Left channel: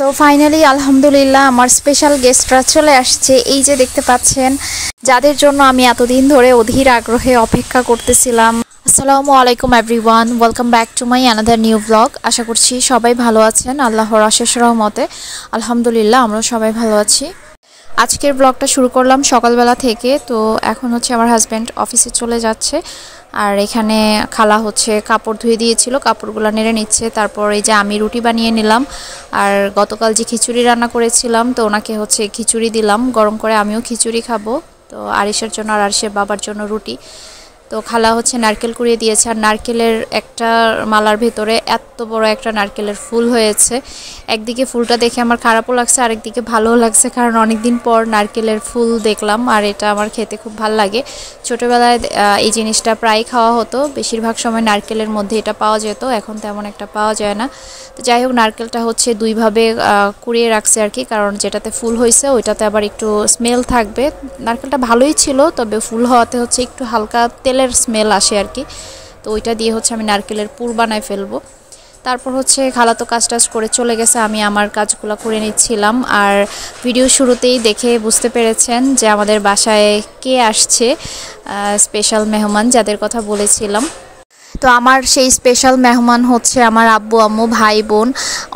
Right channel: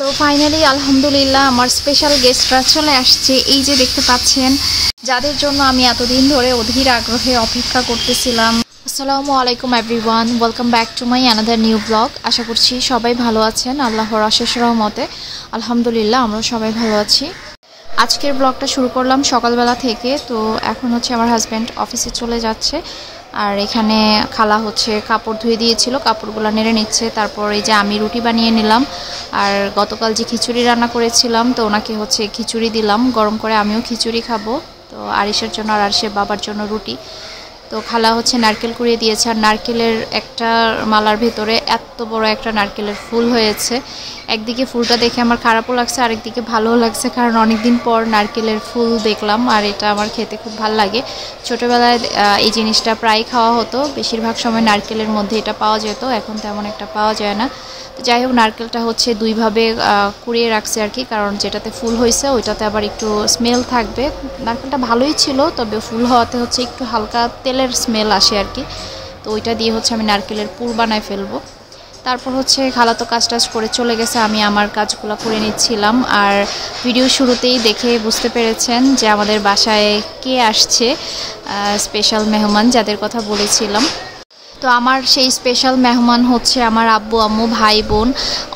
So finally আলহামদুলিল্লাহ আমার special গেস্টরা চলে আসছে। এই যে দেখতে পাচ্ছেন, যাদের জন্য আমি এতদিন ধরে অধীর আগ্রহে অপেক্ষা করতেছিলাম। আসসালামু আলাইকুম everyone, welcome back to my another new blog. আশা করছি সবাই ভালো আছেন, আল্লাহর অশেষ রহমতে। আলহামদুলিল্লাহ আমরা সবাই ভালো আছি। আজকের ব্লগটা শুরু করলাম সকালবেলা থেকে। তো এখন হচ্ছে আমার হাজব্যান্ড অফিসে চলে যাচ্ছে, আর এখানে খালা হচ্ছে কাপড় ধুয়ে দিয়েছিল, কাপড়গুলো নেড়ে নিচ্ছে। তারপর এই যে আমি রুটি বানিয়ে নিলাম, আর গতকাল যে খিচুড়ি রান্না করেছিলাম তো ওনাকে হচ্ছে খিচুড়ি দিলাম গরম করে, আমিও খিচুড়ি খাবো। তো আরিশের জন্য আর আরিশের বাবার জন্য রুটি। তো খালা হচ্ছে নারকেল কুড়িয়ে দিয়েছে, আর নারকেলের একটা মালার ভেতরে এত বড় একটা নারকেলের ফুল হয়েছে। একদিকে ফুলটা দেখে আমার খারাপও লাগছে, আরেকদিকে ভালোও লাগছে, কারণ অনেকদিন পর নারকেলের ফুল দেখলাম, আর এটা আমার খেতে খুব ভালো লাগে। ছোটোবেলায় এই জিনিসটা প্রায় খাওয়া হতো, বেশিরভাগ সময় নারকেলের মধ্যে এটা পাওয়া যেত, এখন তেমন একটা পাওয়া যায় না। তো যাই হোক, নারকেলটা হচ্ছে দুইভাবে কুড়িয়ে রাখছে আর কি, কারণ যেটাতে ফুল হয়েছে ওইটাতে আবার একটু স্মেল থাকবে। নারকেলটা ভালোই ছিল, তবে ফুল হওয়াতে হচ্ছে একটু হালকা তেলের স্মেল আসে আর কি। তো ওইটা দিয়ে হচ্ছে আমি নারকেলের পুর বানায় ফেলবো। তারপর হচ্ছে খালা তো কাজ টাজ করে চলে গেছে, আমি আমার কাজগুলো করে নিচ্ছিলাম। আর ভিডিও শুরুতেই দেখে বুঝতে পেরেছেন যে আমাদের বাসায় কে আসছে, স্পেশাল মেহমান যাদের কথা বলেছিলাম। তো আমার সেই স্পেশাল মেহমান হচ্ছে আমার আব্বু আম্মু ভাই বোন।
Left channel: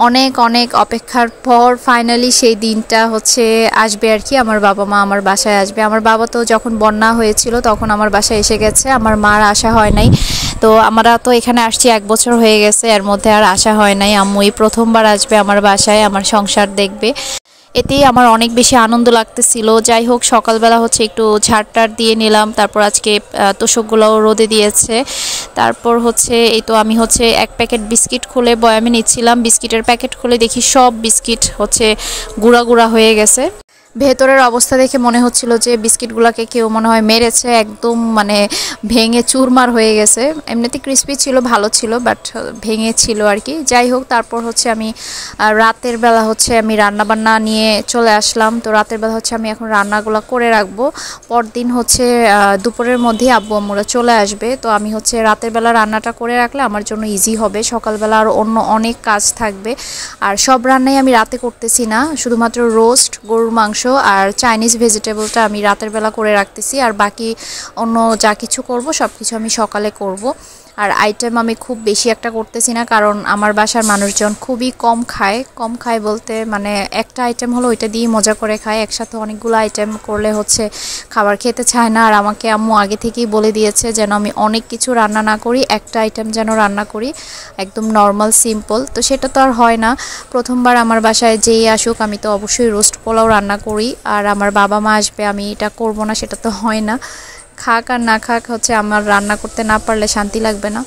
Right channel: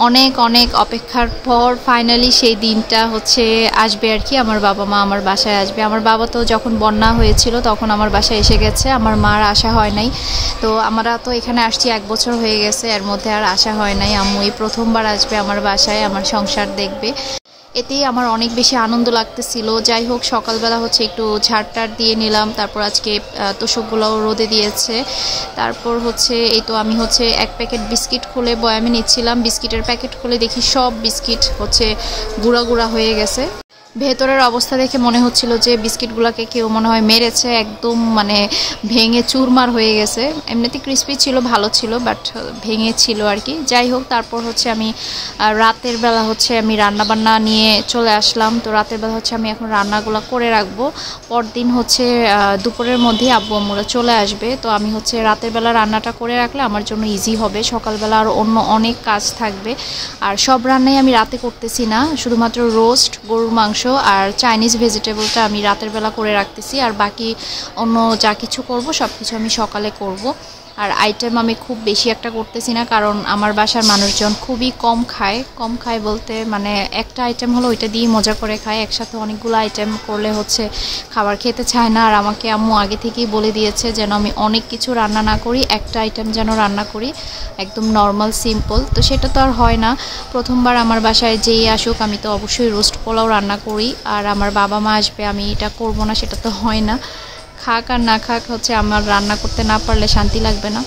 অনেক অনেক অপেক্ষার পর ফাইনালি সেই দিনটা হচ্ছে আসবে আর কি, আমার বাবা মা আমার বাসায় আসবে। আমার বাবা তো যখন বন্যা হয়েছিল তখন আমার বাসায় এসে গেছে, আমার মার আসা হয় নাই। তো আমরা তো এখানে আসছি 1 বছর হয়ে গেছে, এর মধ্যে আর আসা হয় নাই। আম্মু এই প্রথমবার আসবে আমার বাসায়, আমার সংসার দেখবে, এতেই আমার অনেক বেশি আনন্দ লাগতেছিল। যাই হোক, সকালবেলা হচ্ছে একটু ঝাড়টার দিয়ে নিলাম, তারপর আজকে তোষকগুলোও রোদে দিয়েছে। তারপর হচ্ছে এই তো আমি হচ্ছে 1 প্যাকেট বিস্কিট খুলে বয়ামে নিচ্ছিলাম, বিস্কিটের প্যাকেট খুলে দেখি সব বিস্কিট হচ্ছে গুঁড়া গুঁড়া হয়ে গেছে। ভেতরের অবস্থা দেখে মনে হচ্ছিল যে বিস্কিটগুলোকে কেউ মনে হয় মেরেছে, একদম মানে ভেঙে চুরমার হয়ে গেছে। এমনিতে ক্রিস্পি ছিল, ভালো ছিল, বাট ভেঙে ছিল আর কি। যাই হোক, তারপর হচ্ছে আমি রাতের বেলা হচ্ছে আমি রান্নাবান্না নিয়ে চলে আসলাম। তো রাতের বেলা হচ্ছে আমি এখন রান্নাগুলো করে রাখবো, পরদিন হচ্ছে দুপুরের মধ্যেই আব্বু আম্মুরা চলে আসবে। তো আমি হচ্ছে রাতের বেলা রান্নাটা করে রাখলে আমার জন্য ইজি হবে, সকালবেলা আর অন্য অনেক কাজ থাকবে। আর সব রান্নাই আমি রাতে করতেছি না, শুধুমাত্র রোস্ট, গরুর মাংস আর চাইনিজ ভেজিটেবলটা আমি রাতের বেলা করে রাখতেছি, আর বাকি অন্য যা কিছু করব সব কিছু আমি সকালে করব। আর আইটেম আমি খুব বেশি একটা করতেছি না, কারণ আমার বাসার মানুষজন খুবই কম খায় বলতে মানে একটা আইটেম হলো ওইটা দিয়ে মজা করে খায়, একসাথে অনেকগুলো আইটেম করলে হচ্ছে খাবার খেতে চায় না। আর আমাকে আম্মু আগে থেকেই বলে দিয়েছে যেন আমি অনেক কিছু রান্না না করি, একটা আইটেম যেন রান্না করি, একদম নর্মাল সিম্পল। তো সেটা তো আর হয় না, প্রথমবার আমার বাসায় যেই আসুক আমি তো অবশ্যই রোস্ট পোলাও রান্না করি, আর আমার বাবা মা আসবে আমি এটা করব না সেটা তো হয় না। খাক আর না খাক হচ্ছে আমার রান্না করতে না পারলে শান্তি লাগবে না।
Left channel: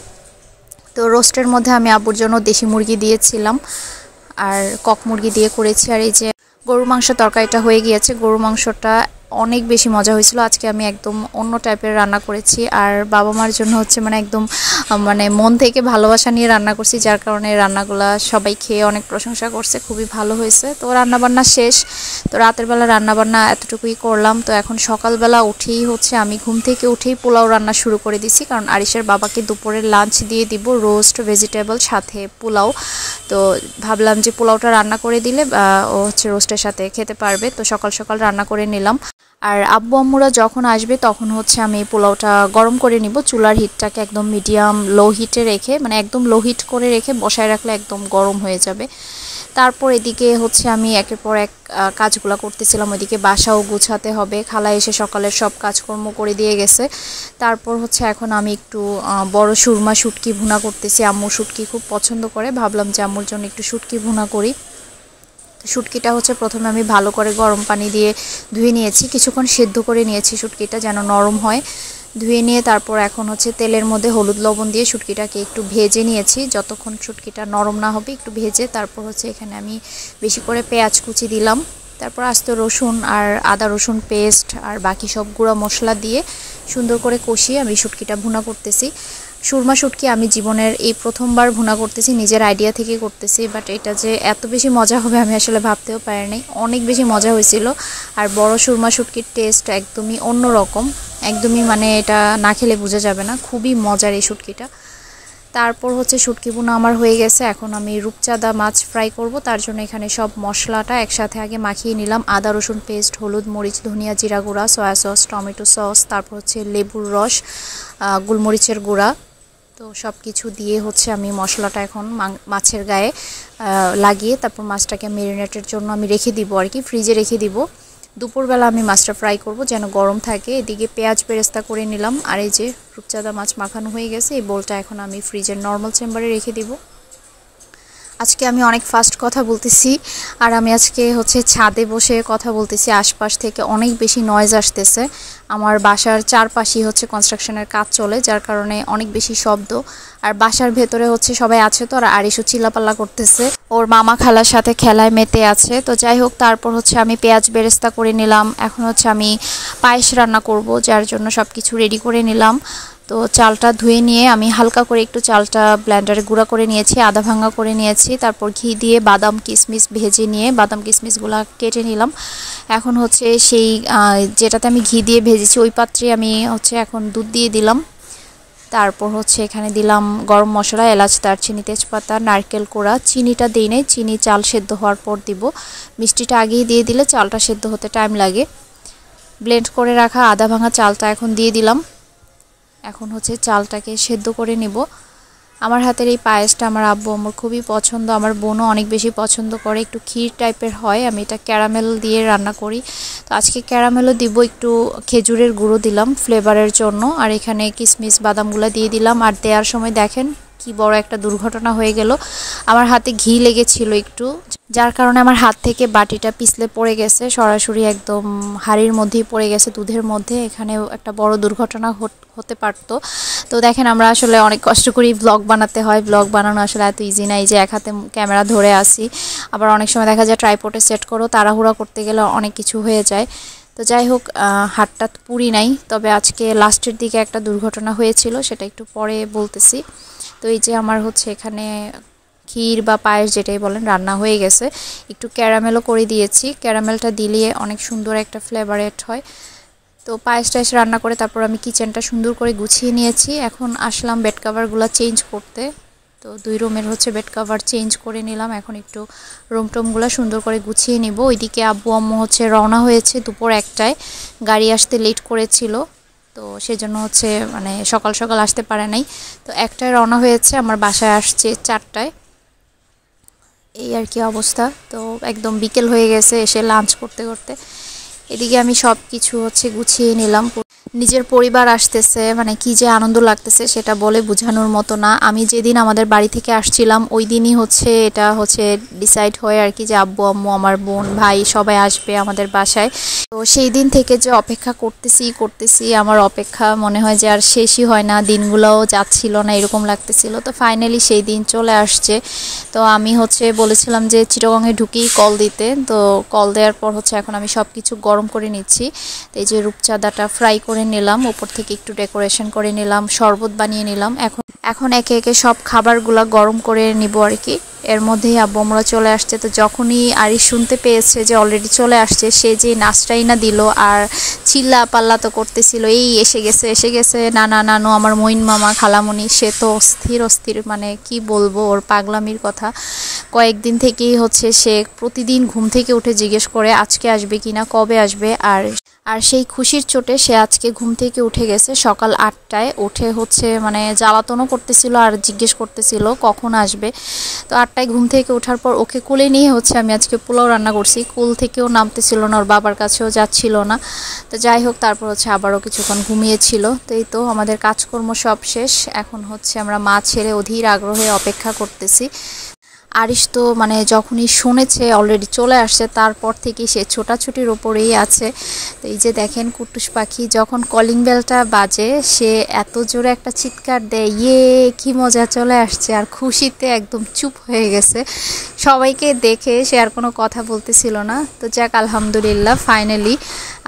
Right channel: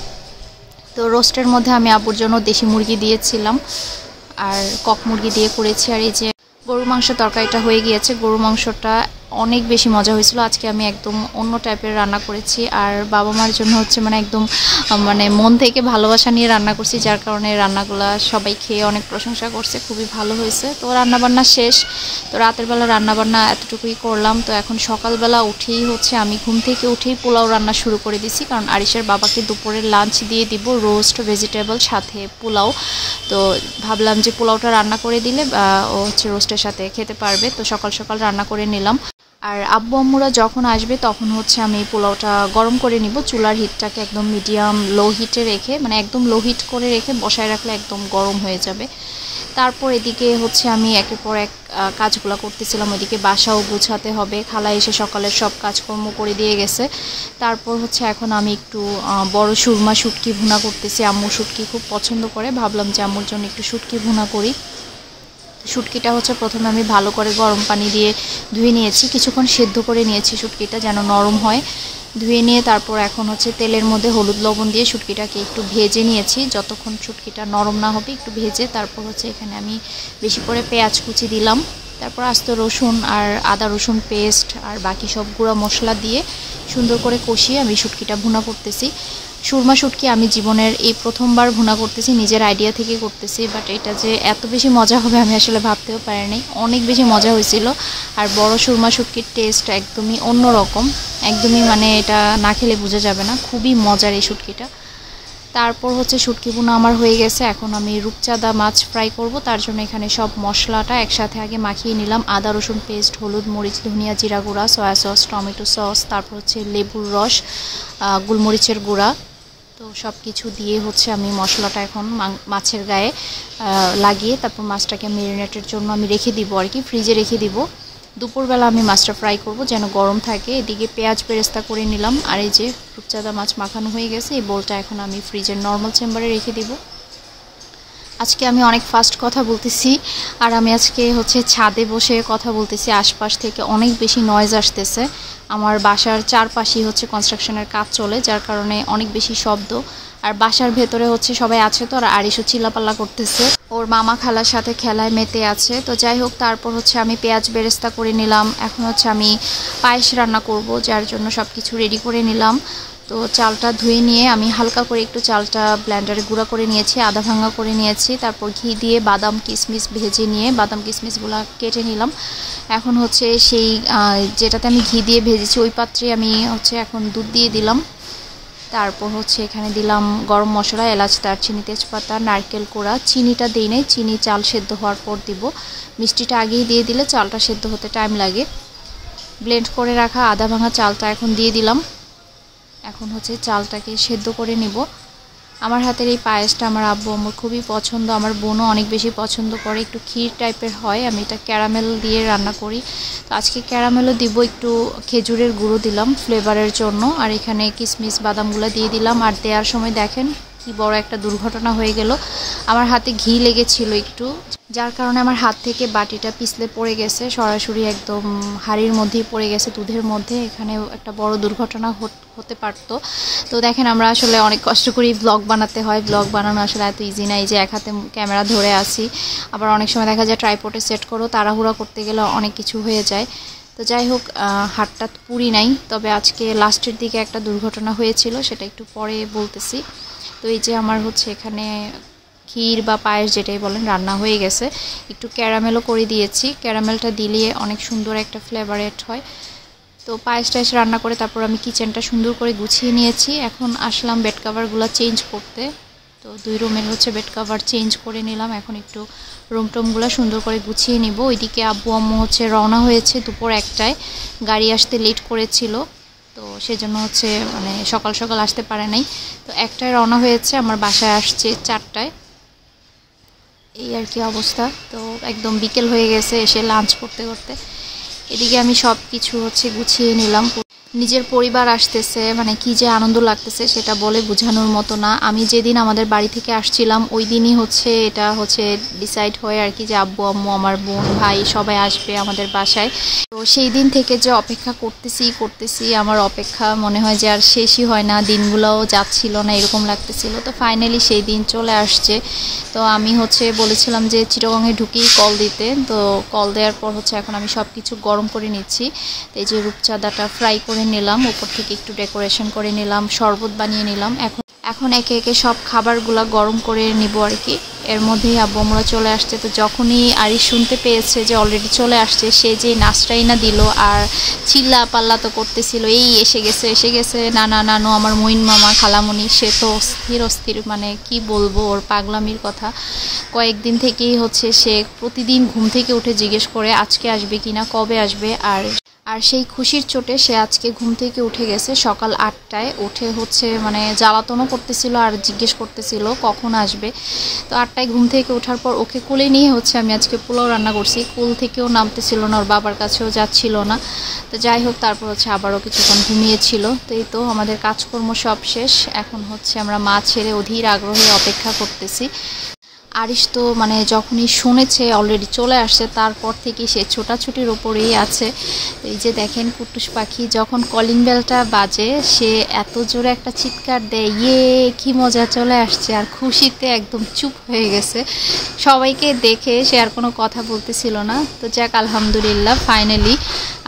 তো রোস্টের মধ্যে আমি আব্বুর জন্য দেশি মুরগি দিয়েছিলাম, আর কক মুরগি দিয়ে করেছি। আর এই যে গরুর মাংস তরকারিটা হয়ে গিয়েছে, গরুর মাংসটা অনেক বেশি মজা হয়েছিল। আজকে আমি একদম অন্য টাইপের রান্না করেছি, আর বাবা মার জন্য হচ্ছে মানে একদম মানে মন থেকে ভালোবাসা নিয়ে রান্না করছি, যার কারণে রান্নাগুলা সবাই খেয়ে অনেক প্রশংসা করছে, খুবই ভালো হয়েছে। তো রান্নাবান্না শেষ, তো রাতের বেলা রান্নাবান্না এতটুকুই করলাম। তো এখন সকালবেলা উঠেই হচ্ছে আমি ঘুম থেকে উঠেই পোলাও রান্না শুরু করে দিছি, কারণ আরিশের বাবাকে দুপুরের লাঞ্চ দিয়ে দিব, রোস্ট ভেজিটেবল সাথে পোলাও। তো ভাবলাম যে পোলাওটা রান্না করে দিলে ও হচ্ছে রোস্টের সাথে খেতে পারবে, তো সকাল সকাল রান্না করে নিলাম। আর আব্বু আম্মুরা যখন আসবে তখন হচ্ছে আমি পোলাওটা গরম করে নিব, চুলার হিটটাকে একদম মিডিয়াম লো হিটে রেখে, মানে একদম লো হিট করে রেখে বসায় রাখলে একদম গরম হয়ে যাবে। তারপর এদিকে হচ্ছে আমি একের পর এক কাজগুলো করতেছিলাম, ওইদিকে বাসাও গুছাতে হবে, খালা এসে সকালের সব কাজকর্ম করে দিয়ে গেছে। তারপর হচ্ছে এখন আমি একটু বড় সুরমা শুটকি ভুনা করতেছি, আম্মু শুটকি খুব পছন্দ করে, ভাবলাম যে আম্মুর জন্য একটু শুটকি ভুনা করি। শুটকিটা হচ্ছে প্রথমে আমি ভালো করে গরম পানি দিয়ে ধুয়ে নিয়েছি, কিছুক্ষণ সেদ্ধ করে নিয়েছি শুটকিটা যেন নরম হয়। ধুয়ে নিয়ে তারপর এখন হচ্ছে তেলের মধ্যে হলুদ লবণ দিয়ে শুটকিটাকে একটু ভেজে নিয়েছি, যতক্ষণ শুটকিটা নরম না হবে একটু ভেজে। তারপর হচ্ছে এখানে আমি বেশি করে পেঁয়াজ কুচি দিলাম, তারপর আস্ত রসুন আর আদা রসুন পেস্ট আর বাকি সব গুঁড়া মশলা দিয়ে সুন্দর করে কষিয়ে আমি শুটকিটা ভুনা করতেছি। সুরমা শুটকি আমি জীবনের এই প্রথমবার ভুনা করতেছি, নিজের আইডিয়া থেকে করতেছি, বাট এটা যে এত বেশি মজা হবে আমি আসলে ভাবতেও পারিনি, অনেক বেশি মজা হয়েছিল। আর বড় সুরমা শুটকির টেস্ট একদমই অন্যরকম, একদমই মানে এটা না খেলে বোঝা যাবে না, খুবই মজার এই শুটকিটা। তারপর হচ্ছে শুটকি ভুনা আমার হয়ে গেছে। এখন আমি রূপচাঁদা মাছ ফ্রাই করব। তার জন্য এখানে সব মশলাটা একসাথে আগে মাখিয়ে নিলাম। আদা রসুন পেস্ট, হলুদ মরিচ ধনিয়া জিরা গুঁড়া, সয়া সস, টমেটো সস, তারপর হচ্ছে লেবুর রস, গোলমরিচের গুঁড়া। তো সব কিছু দিয়ে হচ্ছে আমি মশলাটা এখন মাছের গায়ে লাগিয়ে তারপর মাছটাকে ম্যারিনেটের জন্য আমি রেখে দিব আর কি, ফ্রিজে রেখে দিব। দুপুরবেলা আমি মাছটা ফ্রাই করব যেন গরম থাকে। এদিকে পেঁয়াজ বেরেস্তা করে নিলাম। আর এই যে রূপচাঁদা মাছ মাখানো হয়ে গেছে। এই বোলটা এখন আমি ফ্রিজের নর্মাল চেম্বারে রেখে দিব। আজকে আমি অনেক ফাস্ট কথা বলতেছি, আর আমি আজকে হচ্ছে ছাদে বসে কথা বলতেছি। আশপাশ থেকে অনেক বেশি নয়েজ আসতেছে। আমার বাসার চারপাশেই হচ্ছে কনস্ট্রাকশনের কাজ চলে, যার কারণে অনেক বেশি শব্দ। আর বাসার ভেতরে হচ্ছে সবাই আছে তো, আর আরিশও চিল্লাপাল্লা করতেছে, ওর মামা খালার সাথে খেলায় মেতে আছে। তো যাই হোক, তারপর হচ্ছে আমি পেঁয়াজ বেরেস্তা করে নিলাম। এখন হচ্ছে আমি পায়েস রান্না করব, যার জন্য সব কিছু রেডি করে নিলাম। তো চালটা ধুয়ে নিয়ে আমি হালকা করে একটু চালটা ব্লেন্ডারে গুঁড়া করে নিয়েছি, আধা ভাঙা করে নিয়েছি। তারপর ঘি দিয়ে বাদাম কিশমিশ ভেজে নিয়ে বাদাম কিশমিশগুলো কেটে নিলাম। এখন হচ্ছে সেই যেটাতে আমি ঘি দিয়ে ভেজেছি ওই পাত্রে আমি হচ্ছে এখন দুধ দিয়ে দিলাম। তারপর হচ্ছে এখানে দিলাম গরম মশলা, এলাচ, দারচিনি, তেজপাতা, নারকেল কোড়া। চিনিটা দিই নাই, চিনি চাল সেদ্ধ হওয়ার পর দিব। মিষ্টিটা আগেই দিয়ে দিলে চালটা সেদ্ধ হতে টাইম লাগে। ব্লেন্ড করে রাখা আধা ভাঙা চালটা এখন দিয়ে দিলাম। এখন হচ্ছে চালটাকে সেদ্ধ করে নেব। আমার হাতের এই পায়েসটা আমার আব্বু আমার খুবই পছন্দ, আমার বোনও অনেক বেশি পছন্দ করে। একটু ক্ষীর টাইপের হয়, আমি এটা ক্যারামেল দিয়ে রান্না করি। তো আজকে ক্যারামেলও দিব, একটু খেজুরের গুঁড়ো দিলাম ফ্লেভারের জন্য। আর এখানে কিশমিশ বাদামগুলো দিয়ে দিলাম। আর দেওয়ার সময় দেখেন কি বড় একটা দুর্ঘটনা হয়ে গেল। আমার হাতে ঘি লেগেছিল একটু, যার কারণে আমার হাত থেকে বাটিটা পিছলে পড়ে গেছে, সরাসরি একদম হাঁড়ির মধ্যেই পড়ে গেছে, দুধের মধ্যে। এখানেও একটা বড় দুর্ঘটনা হতে পারতো। তো দেখেন, আমরা আসলে অনেক কষ্ট করি ব্লগ বানাতে হয়। ব্লগ বানানো আসলে এত ইজি না। এই যে এক হাতে ক্যামেরা ধরে আসি, আবার অনেক সময় দেখা যায় ট্রাইপডে সেট করো, তাড়াহুড়া করতে গেলে অনেক কিছু হয়ে যায়। তো যাই হোক, হাতটা পুরি নাই, তবে আজকে লাস্টের দিকে একটা দুর্ঘটনা হয়েছিল, সেটা একটু পরে বলতেছি। তো এই যে আমার হচ্ছে এখানে ক্ষীর বা পায়েস যেটাই বলেন রান্না হয়ে গেছে। একটু ক্যারামেলও করে দিয়েছি, ক্যারামেলটা দিলে অনেক সুন্দর একটা ফ্লেভারেট হয়। তো পায়েস টায়েস রান্না করে তারপর আমি কিচেনটা সুন্দর করে গুছিয়ে নিয়েছি। এখন আসলাম বেড কাভারগুলো চেঞ্জ করতে। তো 2 রুমের হচ্ছে বেড কাভার চেঞ্জ করে নিলাম। এখন একটু রুম টুমগুলো সুন্দর করে গুছিয়ে নিব। ওইদিকে আব্বু আম্মু হচ্ছে রওনা হয়েছে দুপুর 1টায়, গাড়ি আসতে লেট করেছিল, তো সেজন্য হচ্ছে মানে সকাল সকাল আসতে পারে নাই। তো 1টায় রওনা হয়েছে, আমার বাসায় আসছে 4টায়। এই আর কি অবস্থা। তো একদম বিকেল হয়ে গেছে এসে লাঞ্চ করতে করতে। এদিকে আমি সব কিছু হচ্ছে গুছিয়ে নিলাম। নিজের পরিবার আসতেছে, মানে কি যে আনন্দ লাগতেছে সেটা বলে বোঝানোর মতো না। আমি যেদিন আমাদের বাড়ি থেকে আসছিলাম ওই দিনই হচ্ছে এটা হচ্ছে ডিসাইড হয় আর কি, যে আব্বু আম্মু আমার বোন ভাই সবাই আসবে আমাদের বাসায়। তো সেই দিন থেকে যে অপেক্ষা করতেছি আমার অপেক্ষা মনে হয় যে আর শেষই হয় না, দিনগুলোও যাচ্ছিল না, এরকম লাগতেছিল। তো ফাইনালি সেই দিন চলে আসছে। তো আমি হচ্ছে বলেছিলাম যে চিটাগংয়ে ঢুকেই কল দিতে, তো কল দেওয়ার পর হচ্ছে এখন আমি সব কিছু গরম করে নিচ্ছি। এই যে রূপচাঁদাটা ফ্রাই করে নিলাম, উপর থেকে একটু ডেকোরেশন করে নিলাম, শরবত বানিয়ে নিলাম। এখন একে একে সব খাবারগুলো গরম করে নিব আর কি। এর মধ্যেই আব্বু আমরা চলে আসছে। তো যখনই আরিশ শুনতে পেয়েছে যে অলরেডি চলে আসছে, সে যে নাচটাই না দিল আর চিল্লা পাল্লা তো করতেছিল, এই এসে গেছে নানা নানু আমার মইন মামা খালামণি। সে তো অস্থির, মানে কি বলবো ওর পাগলামির কথা। কয়েকদিন থেকেই হচ্ছে সে প্রতিদিন ঘুম থেকে উঠে জিজ্ঞেস করে আজকে আসবে কিনা, কবে আসবে। আর সেই খুশির চোটে সে আজকে ঘুম থেকে উঠে গেছে সকাল 8টায়। উঠে হচ্ছে মানে জ্বালাতনও করতেছিল আর জিজ্ঞেস করতেছিল কখন আসবে। তো 8টায় ঘুম থেকে ওঠার পর ওকে কোলে নিয়ে হচ্ছে আমি আজকে পোলাও রান্না করছি। কোল থেকেও নামতেছিল না, ওর বাবার কাছেও যাচ্ছিল না। তো যাই হোক, তারপর হচ্ছে আবারও কিছুক্ষণ ঘুমিয়েছিল। তো এই তো আমাদের কাজকর্ম সব শেষ। এখন হচ্ছে আমরা মা ছেড়ে অধীর আগ্রহে অপেক্ষা করতেছি। আরিশ তো মানে যখনই শুনেছে অলরেডি চলে আসছে, তারপর থেকে সে ছোটাছুটির ওপরেই আছে। তো এই যে দেখেন কুটুস পাখি যখন কলিং বেলটা বাজে সে এত জোরে একটা চিৎকার দেয়, ইয়ে কি মজা চলে আসছে, আর খুশিতে একদম চুপ হয়ে গেছে। সবাইকে দেখে সে আর কোনো কথা বলতেছিল না। তো যাক, আলহামদুলিল্লাহ ফাইনালি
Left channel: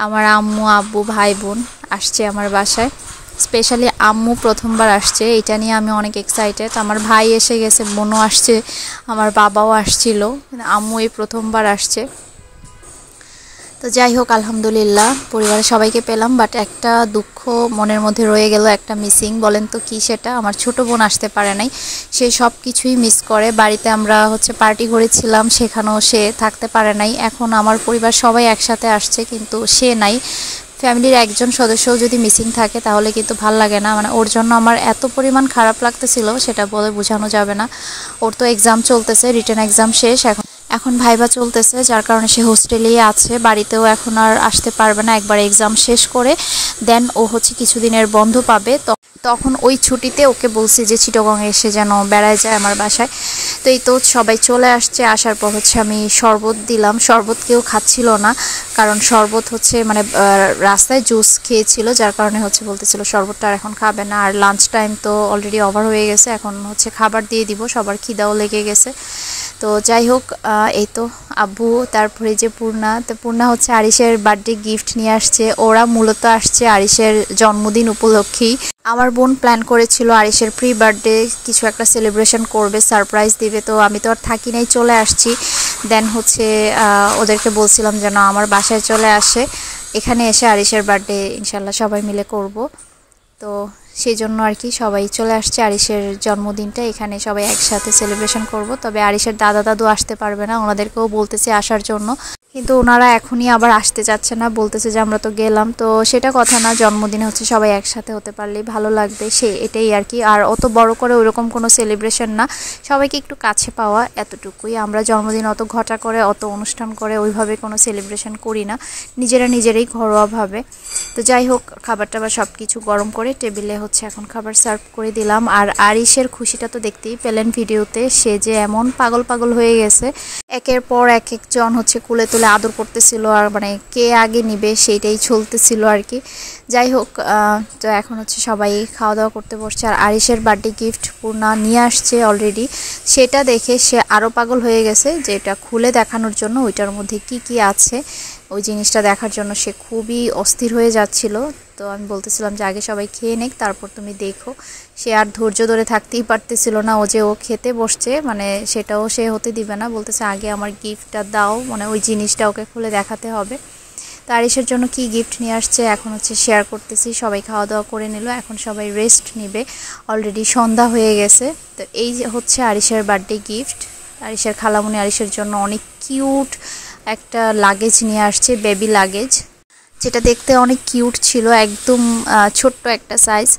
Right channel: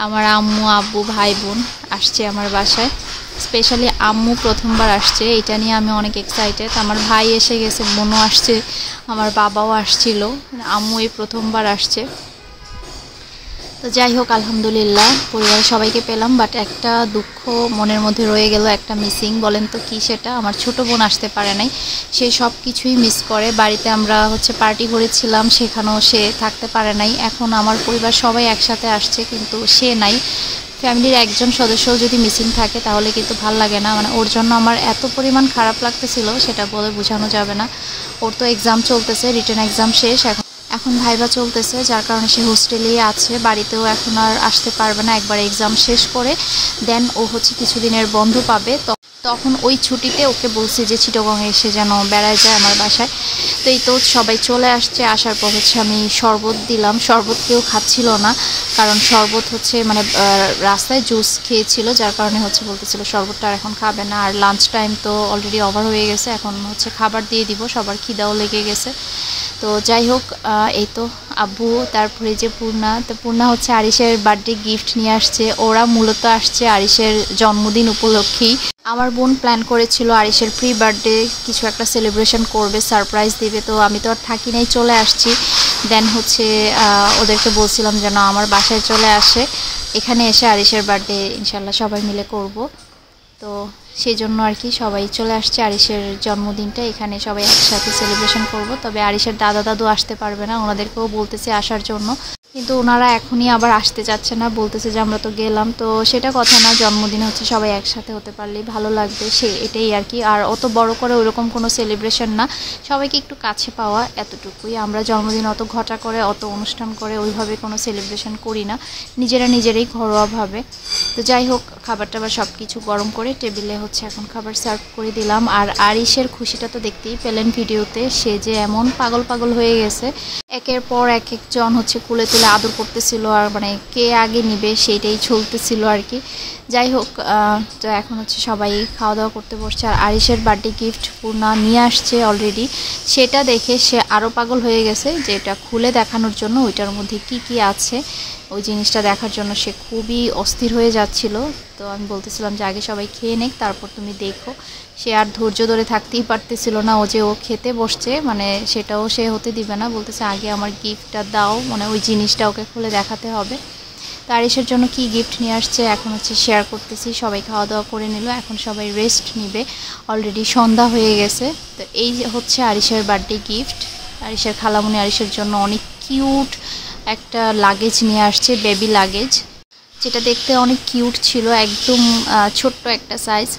আমার আম্মু আব্বু ভাই বোন আসছে আমার বাসায়। স্পেশালি আম্মু প্রথমবার আসছে, এটা নিয়ে আমি অনেক এক্সাইটেড। আমার ভাই এসে গেছে, বোনও আসছে, আমার বাবাও আসছিল, আম্মু এই প্রথমবার আসছে। তো যাই হোক, আলহামদুলিল্লাহ পরিবারের সবাইকে পেলাম, বাট একটা দুঃখ মনের মধ্যে রয়ে গেল, একটা মিসিং। বলেন তো কি সেটা? আমার ছোট বোন আসতে পারে নাই, সে সব কিছুই মিস করে। বাড়িতে আমরা পার্টি করেছিলাম, সেখানেও সে থাকতে পারে নাই। এখন আমার পরিবার সবাই একসাথে আসছে, কিন্তু সে নাই। ফ্যামিলির একজন সদস্যও যদি মিসিং থাকে তাহলে কিন্তু ভাল লাগে না। ওর জন্য আমার এত পরিমাণ খারাপ লাগতেছিল, সেটা বলে বোঝানো যাবে না। ওর তো এক্সাম চলতেছে, রিটেন এক্সাম শেষ, এখন ভাইবা চলতেছে, যার কারণে সে হোস্টেলেই আছে। বাড়িতেও এখন আর আসতে পারবে না। একবার এক্সাম শেষ করে দেন ও কিছুদিনের বন্ধ পাবে, তখন ওই ছুটিতে ওকে বলছি যে চিটাগংয়ে এসে যেন বেড়ায় যায় আমার বাসায়। তো এই তো সবাই চলে আসছে। আসার পর আমি শরবত দিলাম। শরবত কেউ খাচ্ছিল না, কারণ শরবত রাস্তায় জুস খেয়েছিল, যার কারণে বলতেছিল শরবতটা আর এখন খাবে না। আর লাঞ্চ টাইম তো অলরেডি ওভার হয়ে গেছে, এখন খাবার দিয়ে দিব, সবার খিদাও লেগে গেছে। তো যাই হোক, এই তো আব্বু, তারপরে যে পূর্ণা, তো পূর্ণা আরিশের বার্থডে গিফট নিয়ে আসছে। ওরা মূলত আসছে আরিশের জন্মদিন উপলক্ষেই। আমার বোন প্ল্যান করেছিল আরিশের প্রি বার্থডে কিছু একটা সেলিব্রেশন করবে, সারপ্রাইজ দিবে। তো আমি তো আর থাকি নাই, চলে আসছি। দেন ওদেরকে বলছিলাম যেন আমার বাসায় চলে আসে, এখানে এসে আরিশের বার্থডে ইনশাল্লাহ সবাই মিলে করব। তো সেই জন্য আর কি সবাই চলে আসছে। আরিশের জন্মদিনটা এখানে সবাই একসাথে সেলিব্রেশন করব। তবে আরিশের দাদা দাদু আসতে পারবে না, ওনাদেরকেও বলতেছে আসার জন্য, কিন্তু ওনারা এখনই আবার আসতে চাচ্ছে না, বলতেছে যে আমরা তো গেলাম। তো সেটা কথা না, জন্মদিনে সবাই একসাথে হতে পারলেই ভালো লাগবে, এটাই আর কি। আর অত বড় করে ওইরকম কোনো সেলিব্রেশন না, সবাইকে একটু কাছে পাওয়া, এতটুকুই। আমরা জন্মদিন অত ঘটা করে, অত অনুষ্ঠান করে ওইভাবে কোনো সেলিব্রেশন করি না, নিজেরাই ঘরোয়াভাবে। তো যাই হোক, খাবার টাবার সব কিছু গরম করে টেবিলে এখন খাবার সার্ভ করে দিলাম। আর আরিশের খুশিটা তো দেখতেই পেলেন ভিডিওতে, সে যে এমন পাগল হয়ে গেছে। একের পর একজন কুলে তুলে আদর করতেছিল, আর কে আগে নিবে সেইটাই চলতেছিল আর কি। যাই হোক, তো এখন সবাই খাওয়া দাওয়া করতে বসছে। আর আরিশের বার্থডে গিফট পূর্ণা নিয়ে আসছে অলরেডি, সেটা দেখে সে আরও পাগল হয়ে গেছে, যে এটা খুলে দেখানোর জন্য ওইটার মধ্যে কি আছে ওই জিনিসটা দেখার জন্য সে খুবই অস্থির হয়ে যাচ্ছিল। তো আমি বলতেছিলাম যে আগে সবাই খেয়ে নেক, তারপর তুমি দেখো। সে আর ধৈর্য ধরে থাকতেই পারতেছিল না, ও খেতে বসছে, সেটাও সে হতে দিবে না, বলতেছে আগে আমার গিফটটা দাও, ওই জিনিসটা ওকে খুলে দেখাতে হবে। তো আরিশের জন্য কি গিফট নিয়ে আসছে এখন শেয়ার করতেছি। সবাই খাওয়া দাওয়া করে নিল, এখন সবাই রেস্ট নিবে, অলরেডি সন্ধ্যা হয়ে গেছে। তো এই আরিশের বার্থডে গিফট। আরিশের খালামণি আরিশের জন্য অনেক কিউট একটা লাগেজ নিয়ে আসছে, বেবি লাগেজ, যেটা দেখতে অনেক কিউট ছিল, একদম ছোট্ট একটা সাইজ।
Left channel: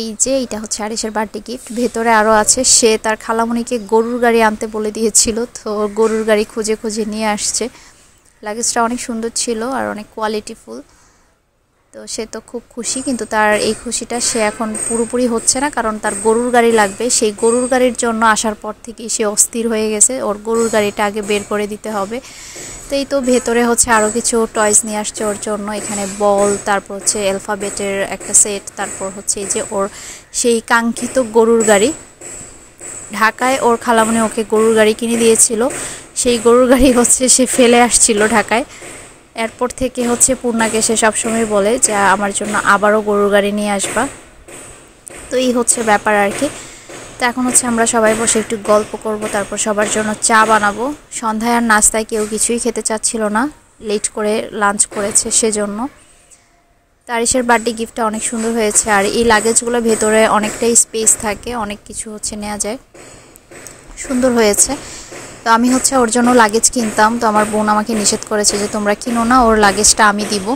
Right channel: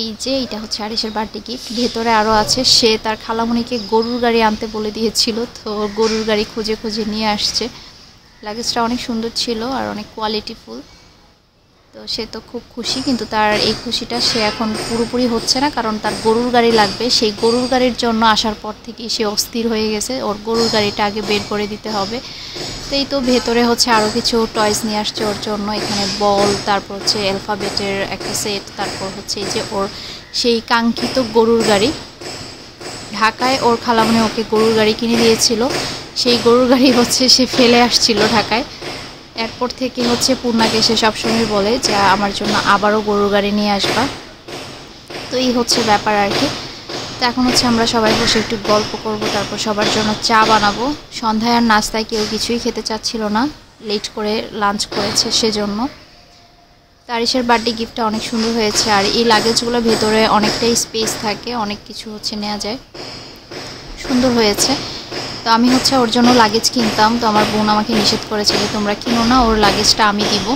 এই যে এটা আরিশের বার্থডে গিফট। ভেতরে আরও আছে, সে তার খালামণিকে গরুর গাড়ি আনতে বলে দিয়েছিল, তো গরুর গাড়ি খুঁজে নিয়ে আসছে। লাগেজটা অনেক সুন্দর ছিল আর অনেক কোয়ালিটিফুল। তো সে তো খুব খুশি, কিন্তু তার এই খুশিটা সে এখন পুরোপুরি হচ্ছে না, কারণ তার গরুর গাড়ি লাগবে। সেই গরুর গাড়ির জন্য আসার পর থেকেই সে অস্থির হয়ে গেছে, ওর গরুর গাড়িটা আগে বের করে দিতে হবে। তো এই তো ভেতরে আরও কিছু টয়স নিয়ে আসছে ওর জন্য, এখানে বল, তারপর অ্যালফাবেটের একটা সেট, তারপর এই যে ওর সেই কাঙ্ক্ষিত গরুর গাড়ি। ঢাকায় ওর খালামণি ওকে গরুর গাড়ি কিনে দিয়েছিল, সেই গরুর গাড়ি সে ফেলে আসছিল ঢাকায়। এরপর থেকে পূর্ণাকে সে সবসময় বলে যে আমার জন্য আবারও গরুর গাড়ি নিয়ে আসবা। তো এই ব্যাপার আর কি। তো এখন আমরা সবাই বসে একটু গল্প করব, তারপর সবার জন্য চা বানাবো। সন্ধ্যায় আর নাস্তায় কেউ কিছুই খেতে চাচ্ছিল না, লেট করে লাঞ্চ করেছে সেজন্য। আরিশের বার্থডে গিফটটা অনেক সুন্দর হয়েছে, আর এই লাগেজগুলো ভেতরে অনেকটাই স্পেস থাকে, অনেক কিছু নেওয়া যায়, সুন্দর হয়েছে। তো আমি ওর জন্য লাগেজ কিনতাম, তো আমার বোন আমাকে নিষেধ করেছে যে তোমরা কিনো না, ওর লাগেজটা আমি দিব।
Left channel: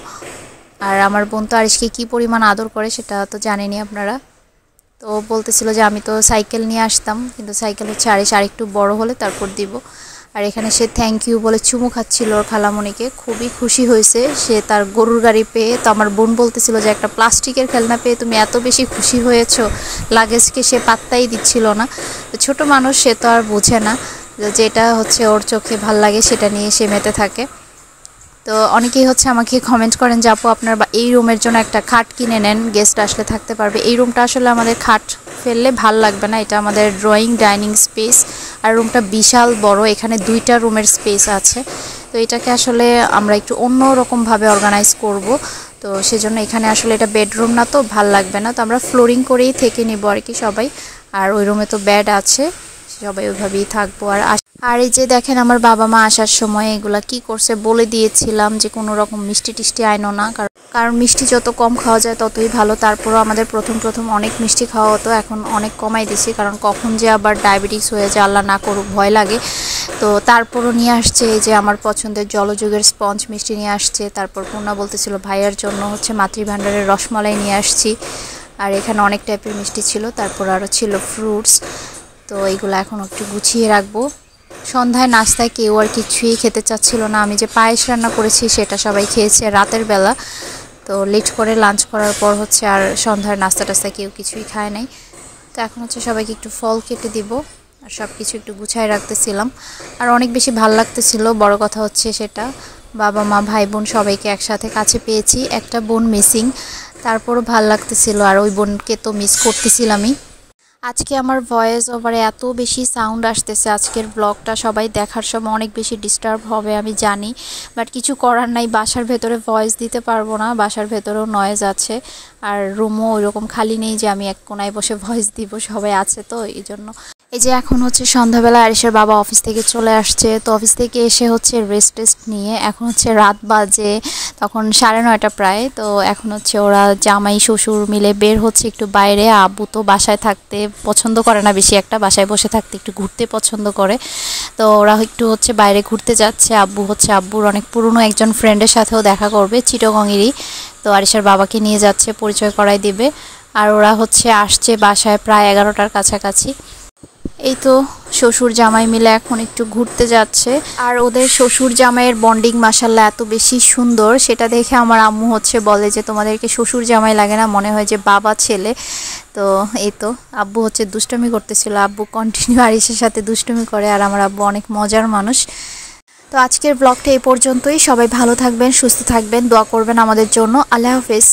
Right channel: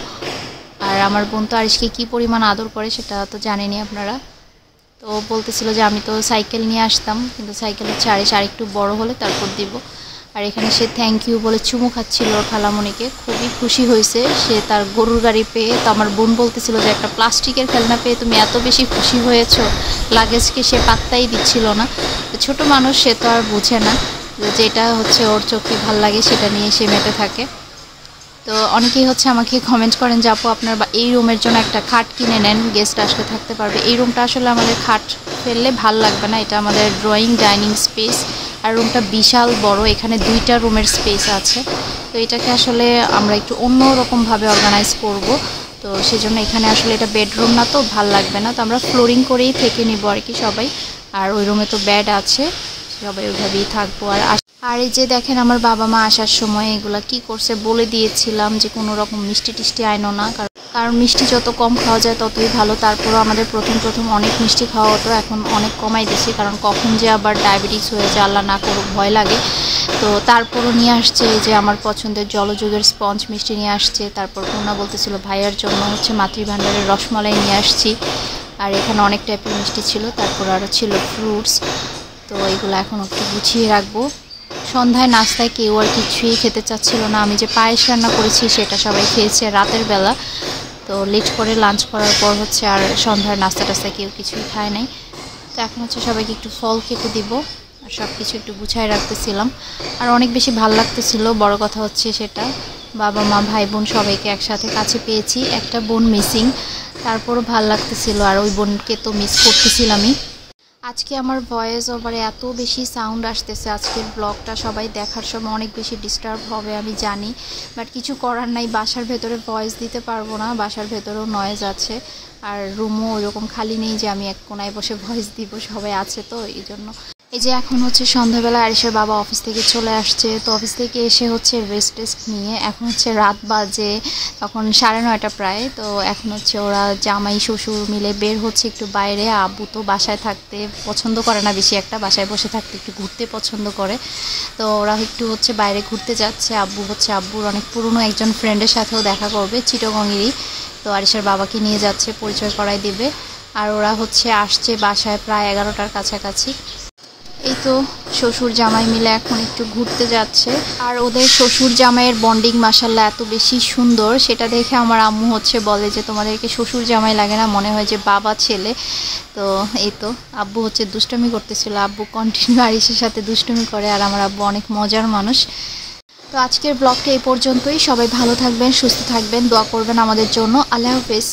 আর আমার বোন তো আরিশকে কী পরিমাণ আদর করে সেটা তো জানেনই আপনারা। তো বলতেছিল যে আমি তো সাইকেল নিয়ে আসতাম, কিন্তু সাইকেল আরিশ আরেকটু বড় হলে তারপর দিব। আর এখানে সে থ্যাংক ইউ বলে চুমু খাচ্ছিল ওর খালামণিকে, খুবই খুশি হয়েছে সে তার গরুর গাড়ি পেয়ে। তো আমার বোন বলতেছিল যে একটা প্লাস্টিকের খেলনা পেয়ে তুমি এত বেশি খুশি হয়েছো, লাগেজকে সে পাত্তাই দিচ্ছিল না। তো ছোটো মানুষ, সে তো আর বোঝে না, যেটা ওর চোখে ভাল লাগে সেটা নিয়ে সে মেতে থাকে। তো অনেকেই আমাকে কমেন্ট করেন যে আপু আপনার এই রুমের জন্য একটা খাট কিনে নেন, গেস্ট আসলে থাকতে পারবে। এই রুমটা আসলে আমাদের খাট ফেললে ভাল লাগবে না, এটা আমাদের ড্রয়িং ডাইনিং স্পেস, আর রুমটা বিশাল বড়, এখানে 2টা রুমের স্পেস আছে। তো এটাকে আসলে আমরা একটু অন্য রকমভাবে অর্গানাইজ করব, তো সেজন্য এখানে আসলে এটা বেডরুম না, তো ভাল লাগবে না। তো আমরা ফ্লোরিং করেই থেকে নিব আর কি সবাই। আর ওই রুমে তো বেড আছে, সবাই ওইভাবেই থাকবো। আর আর এই যে দেখেন আমার বাবা মা আসার সময় এগুলা কি করছে বলে দিয়েছিলাম যে কোনো রকম মিষ্টি টিষ্টি আইনো না, কারণ মিষ্টি যত কম খাওয়া যায় ততই ভালো। তারপরেও আমাদের প্রথম প্রথম অনেক মিষ্টি খাওয়া হতো, এখন অনেক কমাই দিছি, কারণ কখন যে আবার ডায়াবেটিস হয়ে যায় আল্লাহ না করুক, ভয় লাগে। তো তারপরও নিয়ে আসছে এই যে আমার পছন্দের জলযুগের স্পঞ্জ মিষ্টি নিয়ে আসছে। তারপর পূর্ণা বলতেছিল ভাইয়ার জন্য হচ্ছে মাতৃভাণ্ডারের রসমালাই নিয়ে আসছি। আর এখানে অনেক টাইপের মিষ্টি ছিল, তারপর আরও ছিল ফ্রুটস। তো এইগুলো এখন একটু গুছিয়ে রাখবো। সন্ধ্যায় নাস্তায় কেউ আর কিছুই খেতে চাচ্ছিল না। আমি যে পায়েস রান্না করেছি সেটা সবাই খেয়েছে রাতের বেলা। তো লেট করে লাঞ্চ করার পর হচ্ছে আর সন্ধ্যার নাস্তা টাস্তায় কেউ কিছুই খায় নাই। তো এখন হচ্ছে সবাইকে একটু ফল কেটে দিব আর সব কিছু একটু গুছায় রাখতেছিলাম। আর অনেক বেশি ভাল লাগতেছিল। বড় কথা হচ্ছে সেটা বাবা মা ভাই বোন সবাইকে একসাথে কাছে পেয়েছি, একটা বোন মিসিং, তারপরও ভাল লাগতেছিল। আর ওই বোনকে তো মিস করতেছিলামই। আজকে আমার ভয়েস ওভারে এত বেশি সাউন্ড আসতেছে, আজকের ব্লগটা সবাই দেখার সময় অনেক বেশি ডিস্টার্ব হবে আমি জানি, বাট কিছু করার নাই। বাসার ভেতরে ভয়েস দিতে পারবো না, বাসার ভেতরেও নয়েজ আছে। আর রুমও ওইরকম খালি নেই যে আমি এক কোনায় বসে ভয়েস দিব, সবাই আছে তো এই জন্য। এই যে এখন হচ্ছে সন্ধ্যাবেলা আরিশের বাবা অফিস থেকে চলে আসছে। তো অফিস থেকে এসে হচ্ছে রেস্ট টেস্ট নিয়ে এখন হচ্ছে রাত বাজে তখন 9:30 প্রায়। তো এখন হচ্ছে ওরা জামাই শ্বশুর মিলে বের হচ্ছে একটু বাইরে। আব্বু তো বাসায় থাকতে পছন্দ করে না বেশি একটা, বাসায় বসে থাকতে একটু ঘুরতে পছন্দ করে। তো ওরা একটু হচ্ছে বাইরে ঘুরতে যাচ্ছে। আব্বু হচ্ছে আব্বুর অনেক পুরনো একজন ফ্রেন্ডের সাথেও দেখা করবে চিটাগংয়েরই। তো আরিশের বাবাকে নিয়ে যাচ্ছে, পরিচয় করাই দিবে। আর ওরা হচ্ছে আসছে বাসায় প্রায় 11টার কাছাকাছি। এই তো শ্বশুর জামাই মিলে এখন একটু ঘুরতে যাচ্ছে। আর ওদের শ্বশুর জামাইয়ের বন্ডিং মাশাআল্লাহ এত বেশি সুন্দর, সেটা দেখে আমার আম্মু হচ্ছে বলে যে তোমাদেরকে শ্বশুর জামাই লাগে না, মনে হয় যে বাবা ছেলে। তো এই তো আব্বু হচ্ছে দুষ্টুমি করতেছিল, আব্বু কন্টিনিউ আরিশের সাথে দুষ্টুমি করে। আর আমার আব্বু অনেক মজার মানুষ। তো আজকের ব্লগটা এই পর্যন্তই। সবাই ভালো থাকবেন, সুস্থ থাকবেন, দোয়া করবেন আমাদের জন্য। আল্লাহ হাফেজ।